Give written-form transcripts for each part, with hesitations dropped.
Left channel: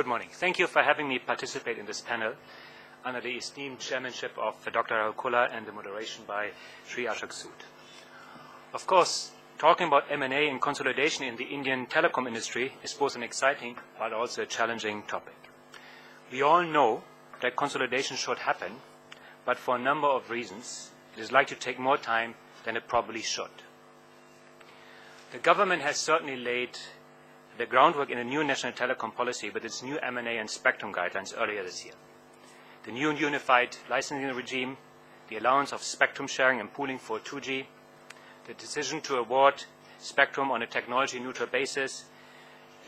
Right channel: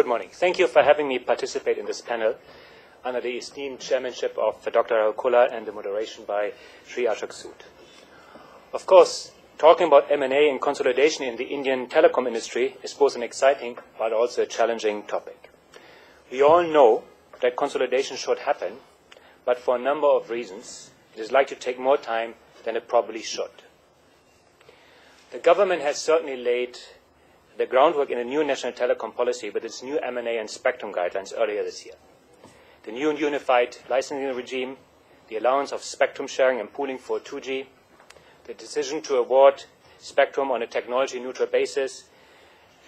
Good morning. Thank you for having me participate in this panel under the esteemed chairmanship of Dr. Rahul and the moderation by Sri Ashok Sood. Of course, talking about M&A and consolidation in the Indian telecom industry is both an exciting but also a challenging topic. We all know that consolidation should happen, but for a number of reasons, it is likely to take more time than it probably should. The government has certainly laid the groundwork in a new national telecom policy with its new M&A and spectrum guidelines earlier this year. The new unified licensing regime, the allowance of spectrum sharing and pooling for 2G, the decision to award spectrum on a technology-neutral basis,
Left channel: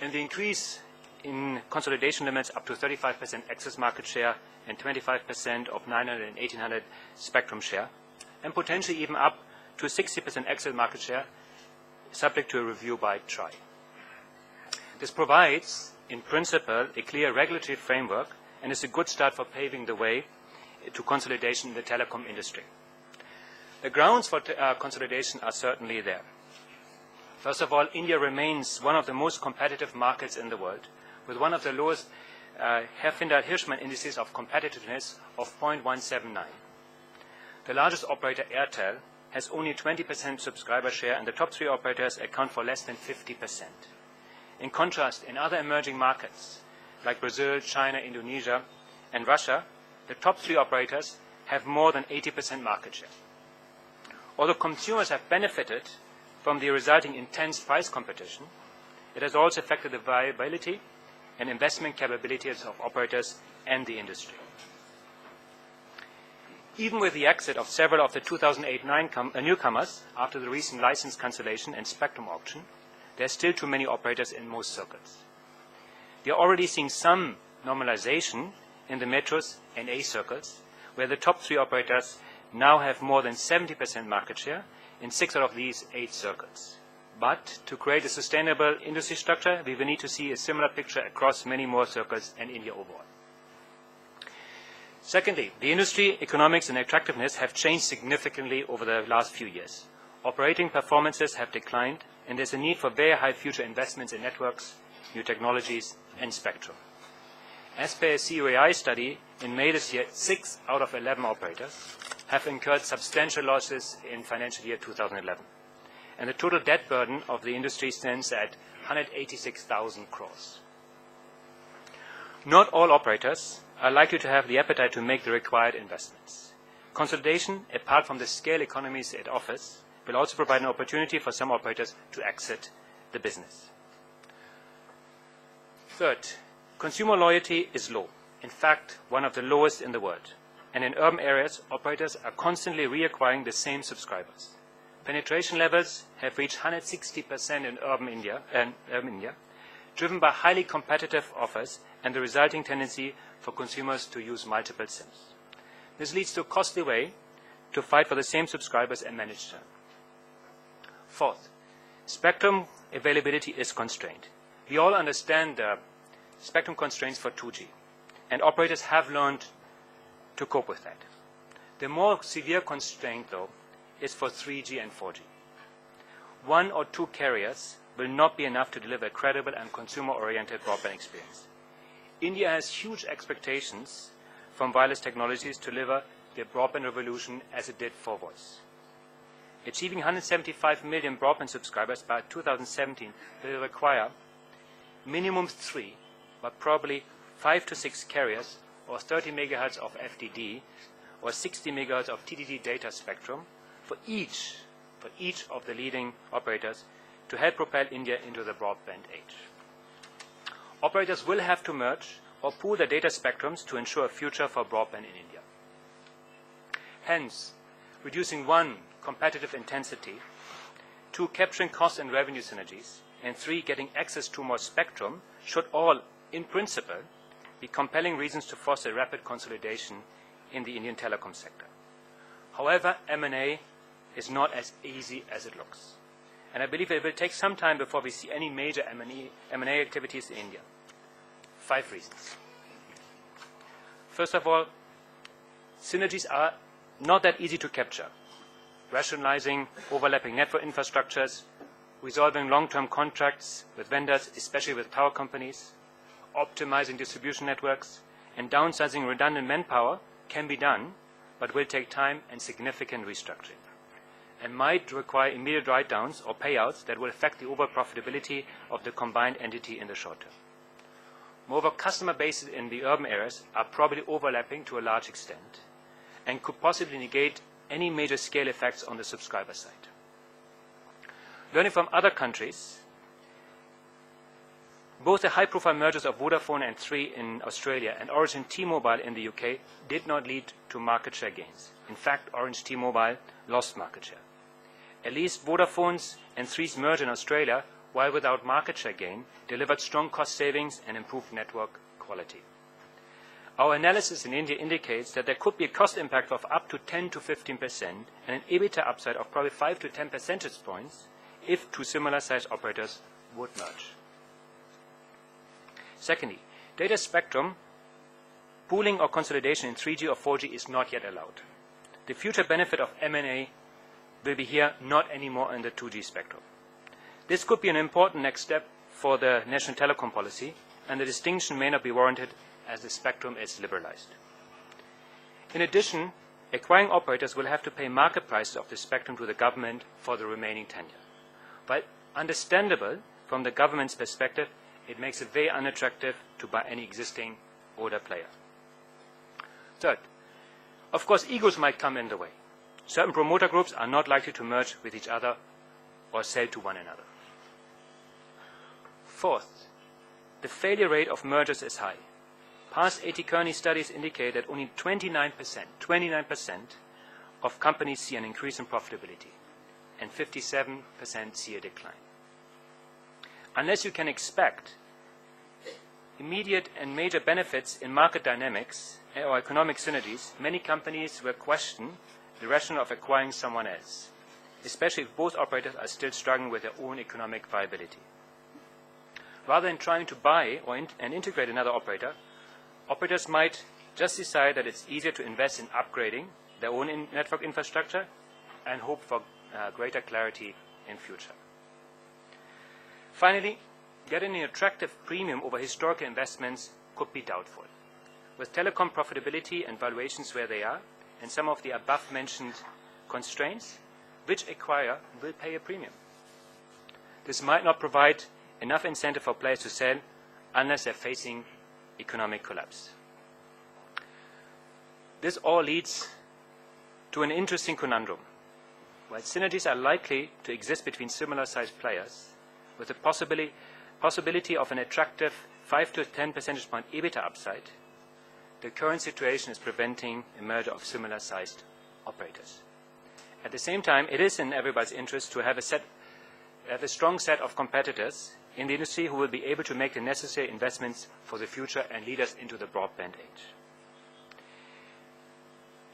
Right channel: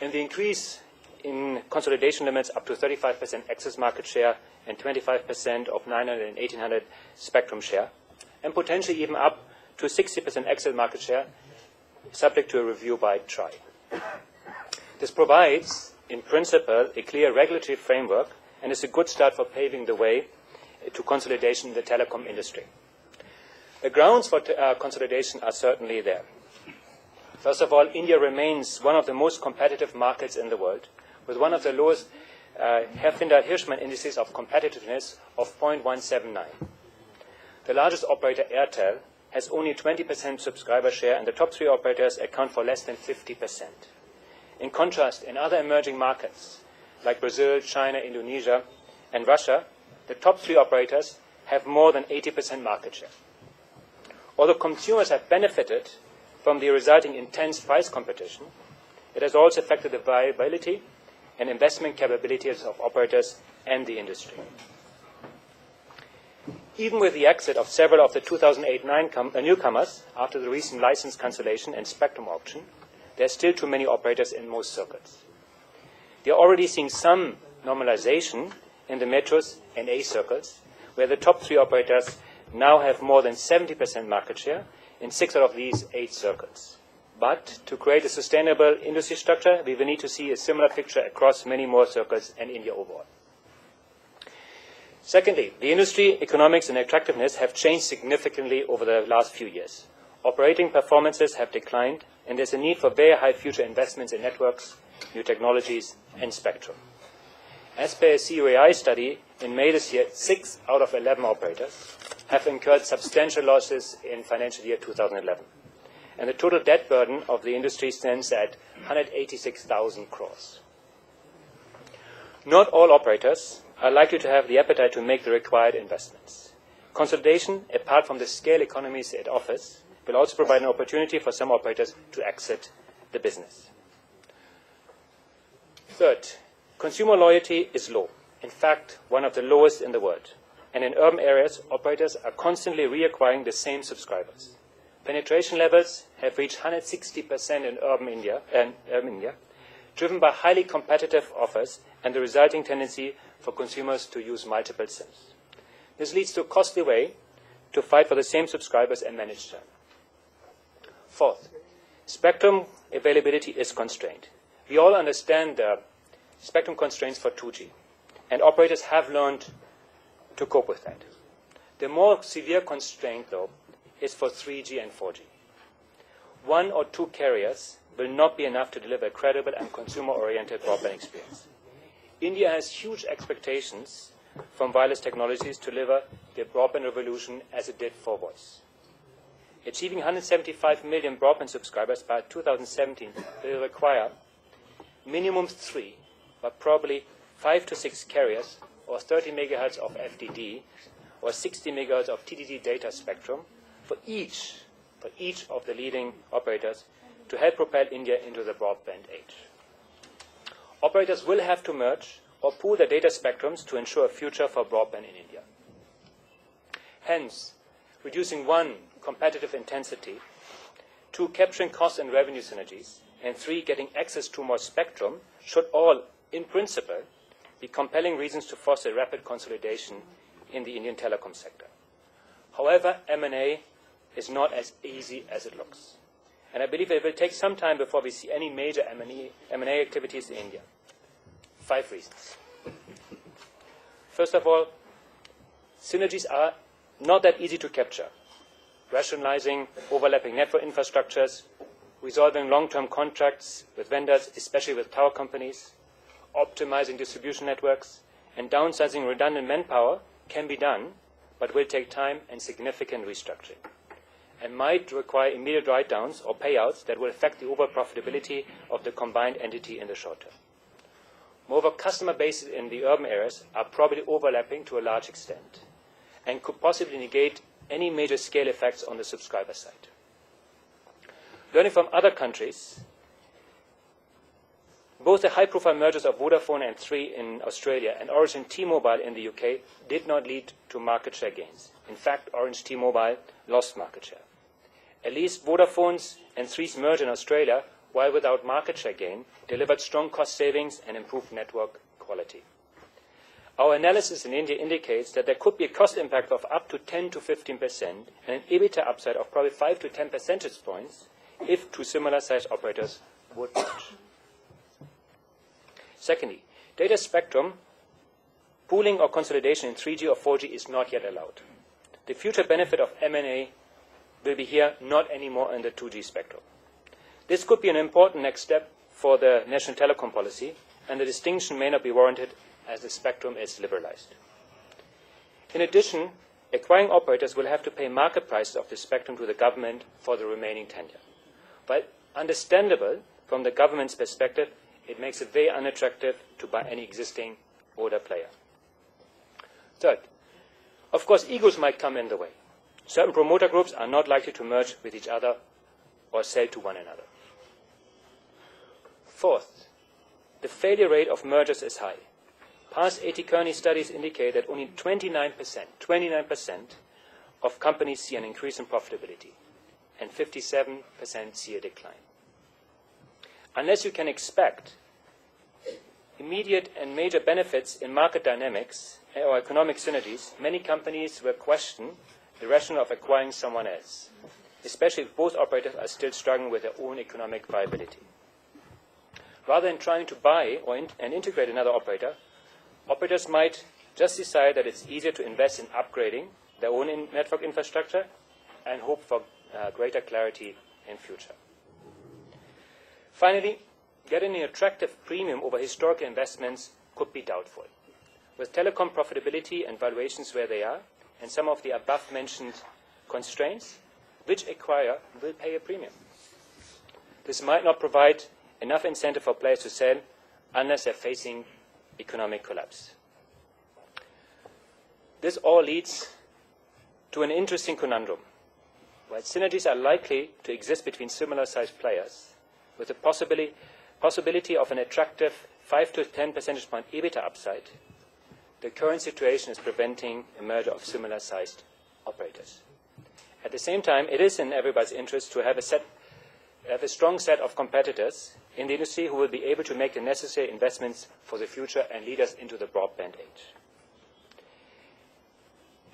and the increase in consolidation limits up to 35% access market share and 25% of 900 and 1800 spectrum share, and potentially even up to 60% access market share, subject to a review by TRAI. This provides, in principle, a clear regulatory framework and is a good start for paving the way to consolidation in the telecom industry. The grounds for consolidation are certainly there. First of all, India remains one of the most competitive markets in the world, with one of the lowest Herfindahl-Hirschman indices of competitiveness of 0.179. The largest operator, Airtel, has only 20% subscriber share, and the top three operators account for less than 50%. In contrast, in other emerging markets, like Brazil, China, Indonesia, and Russia, the top three operators have more than 80% market share. Although consumers have benefited from the resulting intense price competition, it has also affected the viability and investment capabilities of operators and the industry. Even with the exit of several of the 2008 newcomers after the recent license cancellation and spectrum auction, there are still too many operators in most circles. We are already seeing some normalization in the metros and A circles, where the top three operators now have more than 70% market share in 6 out of these 8 circles. But to create a sustainable industry structure, we will need to see a similar picture across many more circles and India overall. Secondly, the industry economics and attractiveness have changed significantly over the last few years. Operating performances have declined, and there's a need for very high future investments in networks, new technologies, and spectrum. As per a COAI study in May this year, 6 out of 11 operators have incurred substantial losses in financial year 2011. And the total debt burden of the industry stands at 186,000 crores. Not all operators are likely to have the appetite to make the required investments. Consolidation, apart from the scale economies it offers, will also provide an opportunity for some operators to exit the business. Third, consumer loyalty is low, in fact, one of the lowest in the world. And in urban areas, operators are constantly reacquiring the same subscribers. Penetration levels have reached 160% in urban India, driven by highly competitive offers and the resulting tendency for consumers to use multiple SIMs. This leads to a costly way to fight for the same subscribers and manage churn. Fourth, spectrum availability is constrained. We all understand the spectrum constraints for 2G, and operators have learned to cope with that. The more severe constraint, though, is for 3G and 4G. 1 or 2 carriers will not be enough to deliver a credible and consumer-oriented broadband experience. India has huge expectations from wireless technologies to deliver the broadband revolution as it did for voice. Achieving 175 million broadband subscribers by 2017 will require minimum 3, but probably 5 to 6 carriers, or 30 megahertz of FDD, or 60 megahertz of TDD data spectrum for each of the leading operators to help propel India into the broadband age. Operators will have to merge or pool their data spectrums to ensure a future for broadband in India. Hence, reducing 1, competitive intensity, 2, capturing cost and revenue synergies, and 3, getting access to more spectrum should all, in principle, be compelling reasons to foster rapid consolidation in the Indian telecom sector. However, M&A is not as easy as it looks. And I believe it will take some time before we see any major M&A activities in India. 5 reasons. First of all, synergies are not that easy to capture. Rationalizing overlapping network infrastructures, resolving long-term contracts with vendors, especially with tower companies, optimizing distribution networks, and downsizing redundant manpower can be done, but will take time and significant restructuring, and might require immediate write-downs or payouts that will affect the overall profitability of the combined entity in the short term. Moreover, customer bases in the urban areas are probably overlapping to a large extent and could possibly negate any major scale effects on the subscriber side. Learning from other countries, both the high-profile mergers of Vodafone and Three in Australia and Orange and T-Mobile in the UK did not lead to market share gains. In fact, Orange T-Mobile lost market share. At least Vodafone's and Three's merger in Australia, while without market share gain, delivered strong cost savings and improved network quality. Our analysis in India indicates that there could be a cost impact of up to 10 to 15% and an EBITDA upside of probably 5 to 10 percentage points if two similar-sized operators would merge. Secondly, data spectrum pooling or consolidation in 3G or 4G is not yet allowed. The future benefit of M&A will be here, not anymore in the 2G spectrum. This could be an important next step for the national telecom policy, and the distinction may not be warranted as the spectrum is liberalized. In addition, acquiring operators will have to pay market prices of the spectrum to the government for the remaining tenure. While understandable from the government's perspective, it makes it very unattractive to buy any existing older player. Third, of course, egos might come in the way. Certain promoter groups are not likely to merge with each other or sell to one another. Fourth, the failure rate of mergers is high. Past 80 Kearney studies indicate that only 29% of companies see an increase in profitability, and 57% see a decline. Unless you can expect immediate and major benefits in market dynamics or economic synergies, many companies will question the rationale of acquiring someone else, especially if both operators are still struggling with their own economic viability. Rather than trying to buy and integrate another operator, operators might just decide that it's easier to invest in upgrading their own network infrastructure and hope for greater clarity in future. Finally, getting an attractive premium over historical investments could be doubtful. With telecom profitability and valuations where they are, and some of the above-mentioned constraints, which acquirer will pay a premium? This might not provide enough incentive for players to sell unless they're facing economic collapse. This all leads to an interesting conundrum. While synergies are likely to exist between similar-sized players, with the possibility of an attractive 5 to 10 percentage point EBITDA upside, the current situation is preventing a merger of similar-sized operators. At the same time, it is in everybody's interest to have a strong set of competitors in the industry who will be able to make the necessary investments for the future and lead us into the broadband age.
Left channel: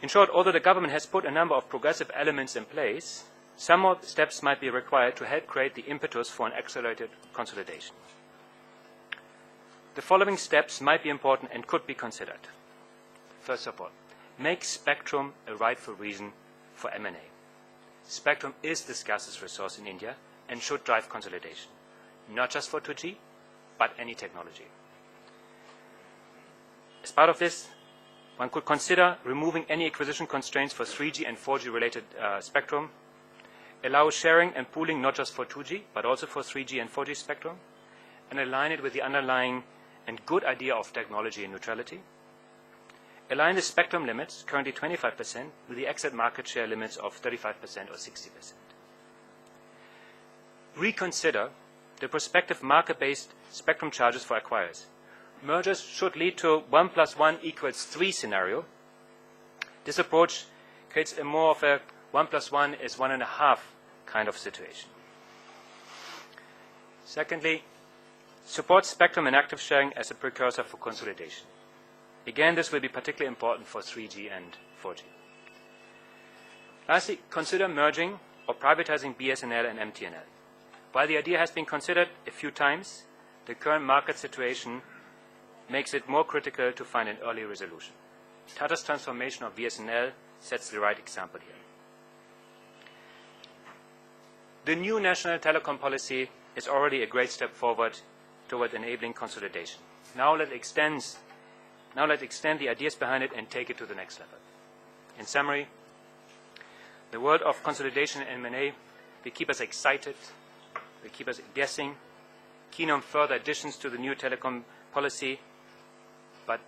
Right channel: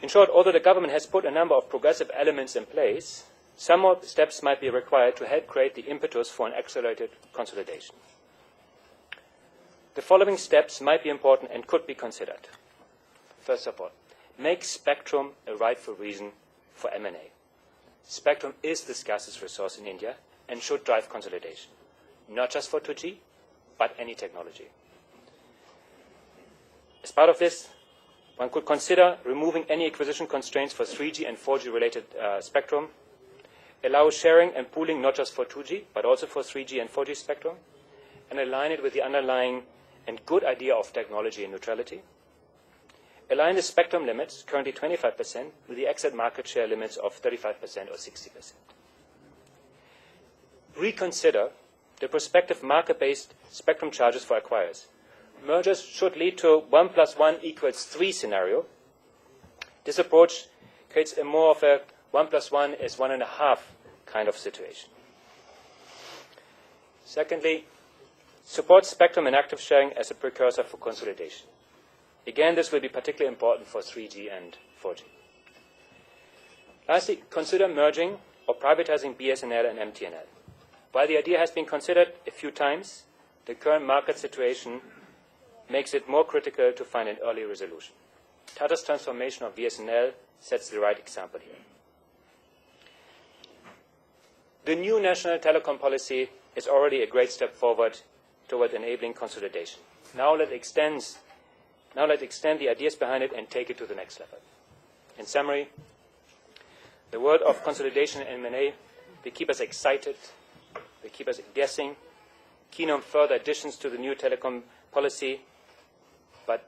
In short, although the government has put a number of progressive elements in place, some more steps might be required to help create the impetus for an accelerated consolidation. The following steps might be important and could be considered. First of all, make spectrum a rightful reason for M&A. Spectrum is the scarcest resource in India and should drive consolidation, not just for 2G, but any technology. As part of this, one could consider removing any acquisition constraints for 3G and 4G related spectrum, allow sharing and pooling not just for 2G, but also for 3G and 4G spectrum, and align it with the underlying and good idea of technology neutrality. Align the spectrum limits, currently 25%, with the exit market share limits of 35% or 60%. Reconsider the prospective market-based spectrum charges for acquirers. Mergers should lead to 1 + 1 = 3 scenario. This approach creates a more of a 1 + 1 is 1.5 kind of situation. Secondly, support spectrum and active sharing as a precursor for consolidation. Again, this will be particularly important for 3G and 4G. Lastly, consider merging or privatizing BSNL and MTNL. While the idea has been considered a few times, the current market situation makes it more critical to find an early resolution. Tata's transformation of BSNL sets the right example here. The new national telecom policy is already a great step forward toward enabling consolidation. Now let's extend the ideas behind it and take it to the next level. In summary, the world of consolidation and M&A, they keep us excited, they keep us guessing, keen on further additions to the new telecom policy, but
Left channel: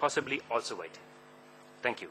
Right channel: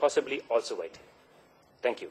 possibly also waiting. Thank you.